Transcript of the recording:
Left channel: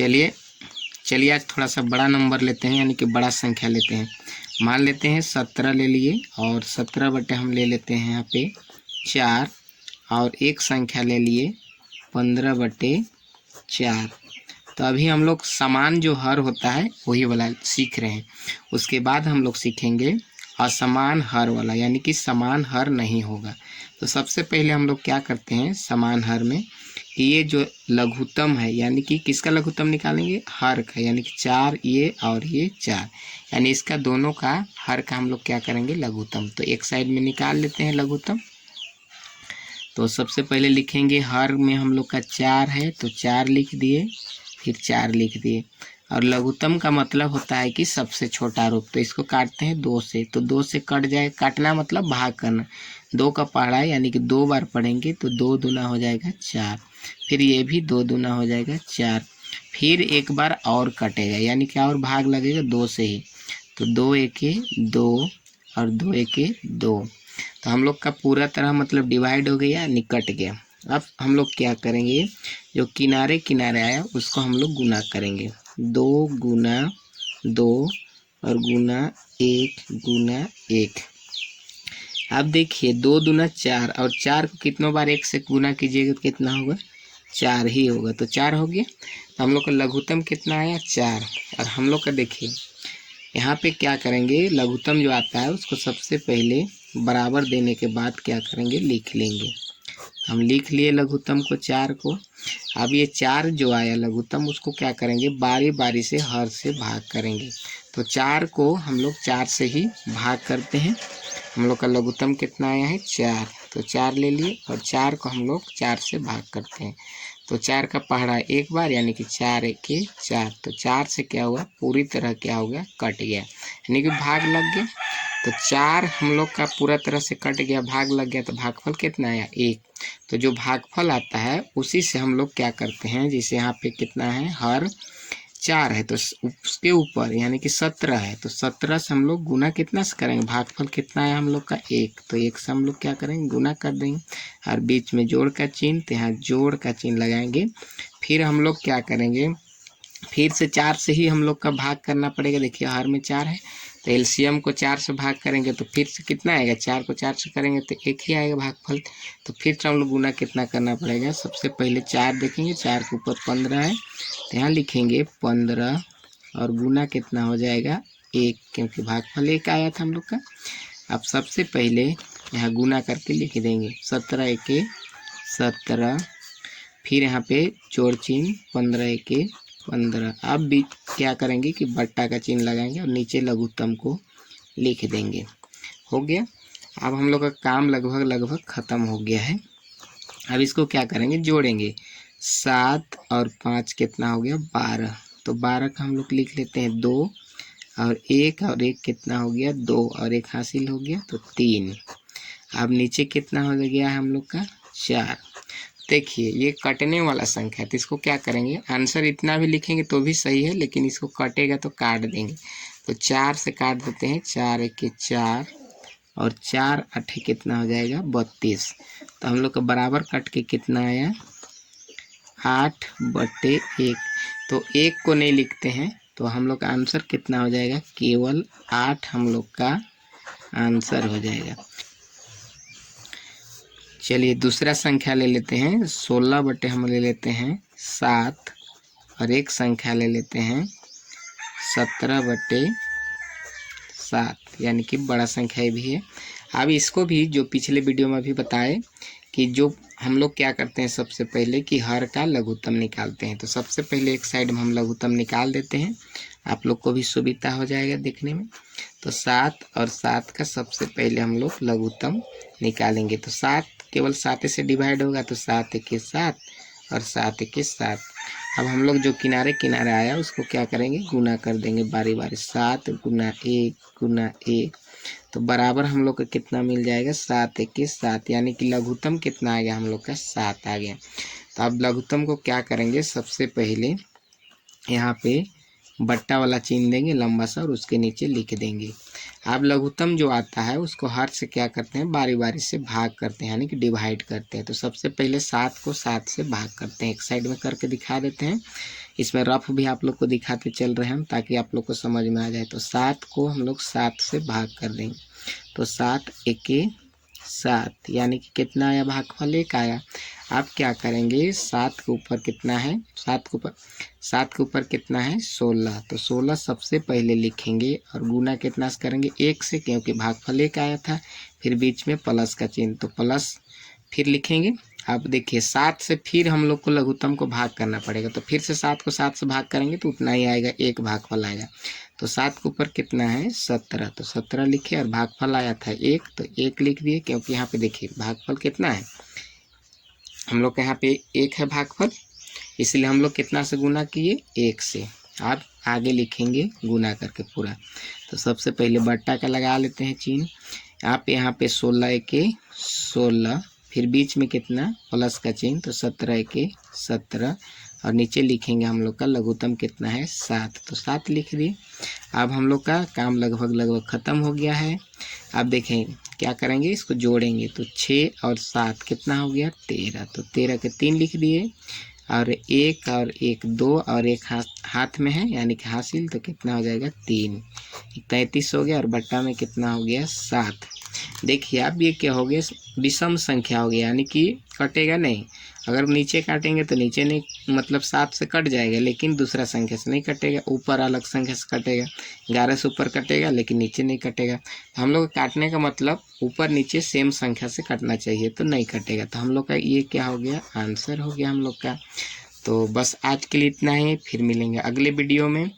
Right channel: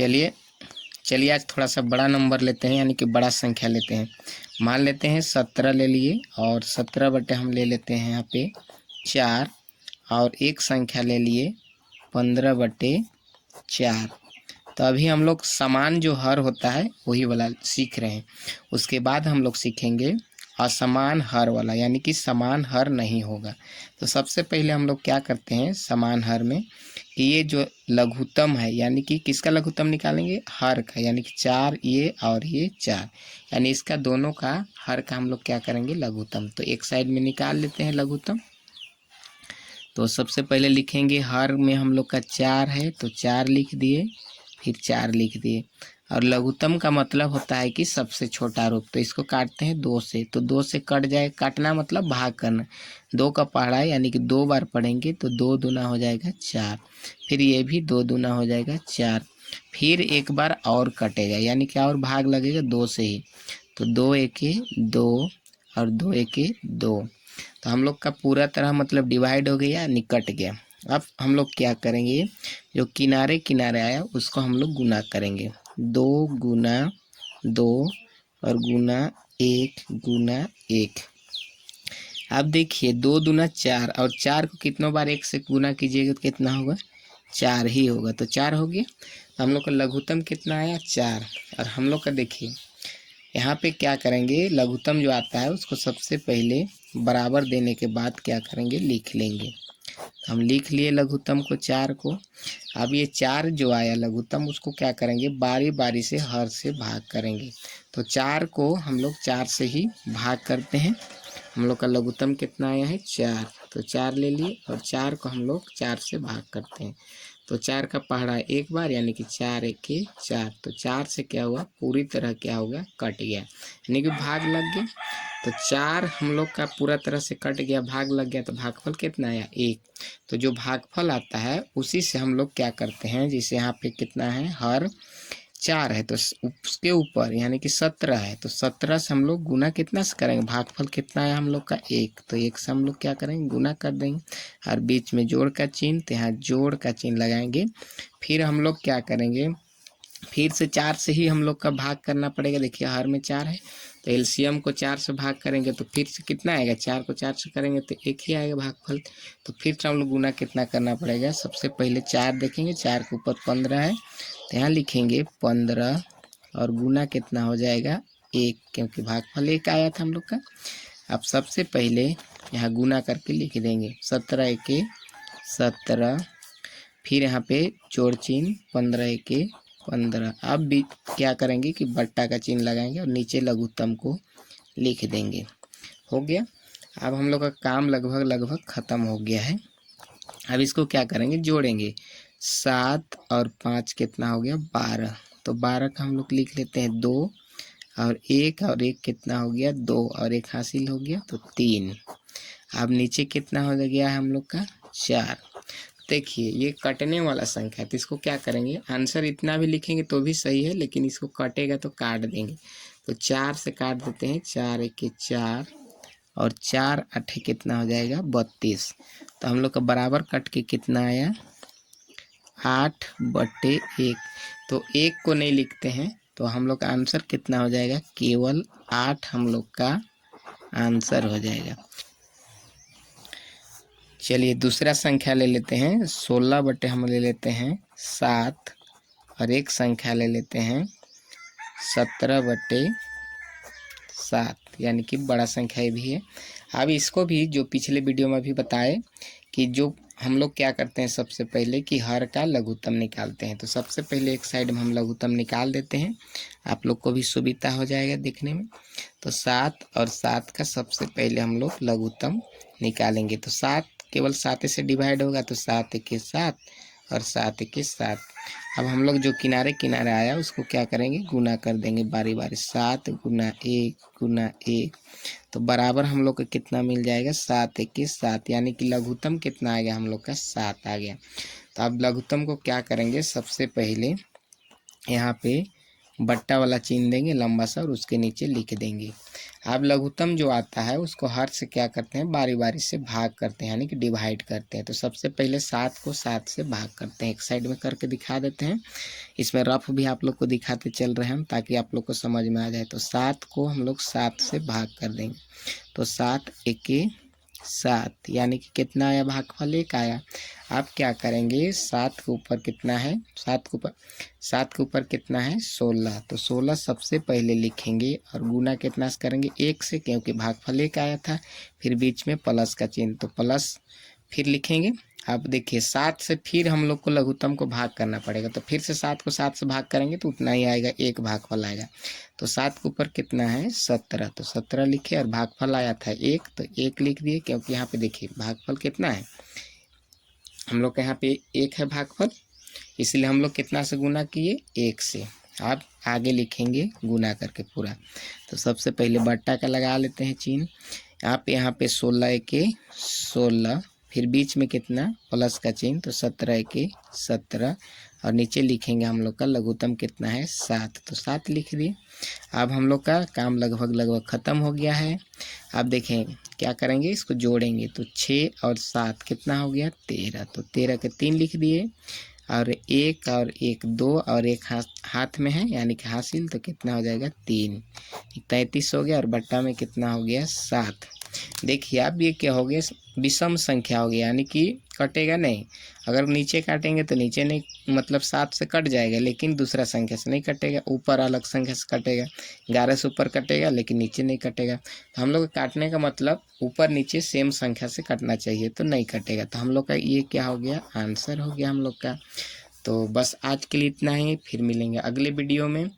चलिए चलिए आज थोड़ा सा बड़ा नंबर लेते हैं, यानी कि बड़ा संख्या लेते हैं। मान लेते हैं 17 ले लिए और 17 बटे हम ले लेते हैं यहाँ पे 4, और एक संख्या ले लिए 15 बटे 4। तो अभी हम लोग समान जो हर होता है वही वाला सीख रहे हैं। उसके बाद हम लोग सीखेंगे असमान हर वाला, यानी कि समान हर नहीं होगा। तो सबसे पहले हम लोग क्या करते हैं समान हर में कि ये जो लघुत्तम है, यानी कि किसका लघुत्तम निकालेंगे, हर का, यानी कि 4 ये और ये 4, यानी इसका दोनों का हर का हम लोग क्या करेंगे लघुत्तम। तो एक साइड में निकाल लेते हैं लघुत्तम। तो सबसे पहले लिखेंगे हर में हम लोग का 4 है तो 4 लिख दिए, फिर 4 लिख दिए। और लघुत्तम का मतलब होता है कि सबसे छोटा रूप। तो इसको काटते हैं 2 से, तो 2 से कट जाए, काटना मतलब भाग करना। 2 का पढ़ा यानी कि 2 बार पढ़ेंगे तो 2 दूना हो जाएगा 4, फिर ये भी 2 दूना हो जाएगा 4, फिर एक बार और कटेगा, यानी कि और भाग लगेगा 2 से ही। तो 2 एके 2 और 2 एके 2। तो हम लोग का पूरा तरह मतलब डिवाइड हो गया, निकट गया। अब हम लोग क्या करेंगे, जो किनारे किनारे आया उसको हम लोग गुना करेंगे। 2 गुना 2 और गुना 1 गुना 1। अब देखिए 2 दूना 4, और 4 को कितनों बार 1 से गुना कीजिएगा तो कितना होगा, 4 ही होगा। तो 4 हो गया। तो हम लोग का लघुत्तम कितना आया, 4। और हम लोग का देखिए यहाँ पे क्या करेंगे, लघुत्तम जो आता है उसको सबसे पहले बराबर देने के बाद क्या करेंगे, लिख लेंगे। हम लिख लिए लघुत्तम को 4 को। अब ये 4 जो आया लघुत्तम उसको क्या करेंगे, बारी बारी से हर से भाग करेंगे। तो 4 को हम लोग 4 से ही भाग करते हैं। हम लोग का लघुत्तम कितना आया है, 4। तो 4 ले लिए और 4 को हम लोग 4 से भाग करते हैं। तो 4 का पहाड़ा एक बार, यानी कि 4 एके 4। तो 4 से क्या हुआ, पूरी तरह क्या हो गया, कट गया, यानी कि भाग लग गया। तो 4 हम लोग का पूरा तरह से कट गया, भाग लग गया। तो भागफल कितना आया, 1। तो जो भागफल आता है उसी से हम लोग क्या करते हैं, जैसे यहाँ पे कितना है, हर 4 है तो उसके ऊपर यानी कि 17 है, तो 17 से हम लोग गुना कितना से करेंगे, भागफल कितना है हम लोग का 1, तो 1 से हम लोग क्या करेंगे, गुना कर देंगे। और बीच में जोड़ का चिन्ह, तो यहाँ जोड़ का चिन्ह लगाएंगे। फिर हम लोग क्या करेंगे, फिर से 4 से ही हम लोग का भाग करना पड़ेगा। देखिए हर में 4 है तो एलसीएम को 4 से भाग करेंगे तो फिर से कितना आएगा, 4 को 4 से करेंगे तो 1 ही आएगा भागफल। तो फिर से हम लोग गुना कितना करना पड़ेगा, सबसे पहले 4 देखेंगे, 4 के ऊपर 15 है तो यहाँ लिखेंगे 15 और गुना कितना हो जाएगा 1, क्योंकि भागफल 1 आया था हम लोग का। अब सबसे पहले यहाँ गुना करके लिख देंगे, 17 एके 17, फिर यहाँ पे जोड़ चिन्ह 15 एके 15। अब भी क्या करेंगे कि बट्टा का चिन्ह लगाएंगे और नीचे लघुत्तम को लिख देंगे। हो गया। अब हम लोग का काम लगभग ख़त्म हो गया है। अब इसको क्या करेंगे, जोड़ेंगे। 7 और 5 कितना हो गया, 12। तो 12 का हम लोग लिख लेते हैं 2, और 1 कितना हो गया, 2 और 1 हासिल हो गया तो 3। अब नीचे कितना हो गया है हम लोग का, 4। देखिए ये कटने वाला संख्या है तो इसको क्या करेंगे, आंसर इतना भी लिखेंगे तो भी सही है, लेकिन इसको कटेगा तो काट देंगे। तो 4 से काट देते हैं, 4 एके 4 और 4 8 कितना हो जाएगा, 32। तो हम लोग का बराबर कट के कितना आया, 8 बटे 1। तो 1 को नहीं लिखते हैं तो हम लोग का आंसर कितना हो जाएगा, केवल 8 हम लोग का आंसर हो जाएगा। चलिए दूसरा संख्या ले लेते हैं, 16 बटे हम ले लेते हैं 7, और एक संख्या ले लेते हैं 17 बटे 7, यानी कि बड़ा संख्या भी है। अब इसको भी जो पिछले वीडियो में भी बताए कि जो हम लोग क्या करते हैं, सबसे पहले कि हर का लघुत्तम निकालते हैं। तो सबसे पहले एक साइड में हम लघुत्तम निकाल देते हैं, आप लोग को भी सुविधा हो जाएगा देखने में। तो 7 और 7 का सबसे पहले हम लोग लघुत्तम निकालेंगे। तो 7 केवल 7 से डिवाइड होगा, तो 7 एके 7 और 7 एके 7। अब हम लोग जो किनारे किनारे आया उसको क्या करेंगे, गुना कर देंगे बारी बारी। 7 गुना 1 गुना 1, तो बराबर हम लोग का कितना मिल जाएगा, 7 एके 7, यानी कि लघुत्तम कितना आ गया हम लोग का, 7 आ गया। तो अब लघुत्तम को क्या करेंगे, सबसे पहले यहाँ पे बट्टा वाला चिन्ह देंगे लंबा सा और उसके नीचे लिख देंगे। अब लघुत्तम जो आता है उसको हर से क्या करते हैं, बारी बारी से भाग करते हैं, यानी कि डिवाइड करते हैं। तो सबसे पहले 7 को 7 से भाग करते हैं, एक साइड में करके दिखा देते हैं इसमें रफ भी आप लोग को दिखाते चल रहे हैं हम, ताकि आप लोग को समझ में आ जाए। तो 7 को हम लोग 7 से भाग कर देंगे, तो 7 एके 7, यानी कि कितना आया, भागफल 1 आया। आप क्या करेंगे, 7 के ऊपर कितना है, 7 के ऊपर कितना है 16, तो 16 सबसे पहले लिखेंगे और गुना कितना से करेंगे 1 से, क्योंकि भागफल 1 आया था। फिर बीच में प्लस का चिन्ह, तो प्लस फिर लिखेंगे। अब देखिए 7 से फिर हम लोग को लघुत्तम को भाग करना पड़ेगा, तो फिर से 7 को 7 से भाग करेंगे तो उतना ही आएगा, 1 भागफल आएगा। तो 7 के ऊपर कितना है 17, तो 17 लिखे और भागफल आया था 1, तो 1 लिख दिए, क्योंकि यहाँ पे देखिए भागफल कितना है, हम लोग के यहाँ पे 1 है भागफल, इसलिए हम लोग कितना से गुना किए 1 से। अब आगे लिखेंगे गुना करके पूरा। तो सबसे पहले बट्टा का लगा लेते हैं चिन्ह। आप यहाँ पे 16 एके 16, फिर बीच में कितना प्लस का चिन्ह, तो 17 एके 17, और नीचे लिखेंगे हम लोग का लघुत्तम कितना है 7, तो 7 लिख दिए। अब हम लोग का काम लगभग ख़त्म हो गया है। अब देखें क्या करेंगे, इसको जोड़ेंगे, तो 6 और 7 कितना हो गया 13, तो 13 के 3 लिख दिए, और 1 और 1 2 और 1 हाथ में है, यानी कि हासिल, तो कितना हो जाएगा 3, 33 हो गया, और बट्टा में कितना हो गया 7। देखिए अब ये क्या हो गया, विषम संख्या हो गया, यानी कि कटेगा नहीं। अगर नीचे काटेंगे तो नीचे नहीं, मतलब 7 से कट जाएगा, लेकिन दूसरा संख्या से नहीं कटेगा, ऊपर अलग संख्या से कटेगा। 11 से ऊपर कटेगा लेकिन नीचे नहीं कटेगा। तो हम लोग काटने का मतलब ऊपर नीचे सेम संख्या से कटना चाहिए, तो नहीं कटेगा। तो हम लोग का ये क्या हो गया, आंसर हो गया हम लोग का। तो बस आज के लिए इतना ही, फिर मिलेंगे अगले वीडियो में।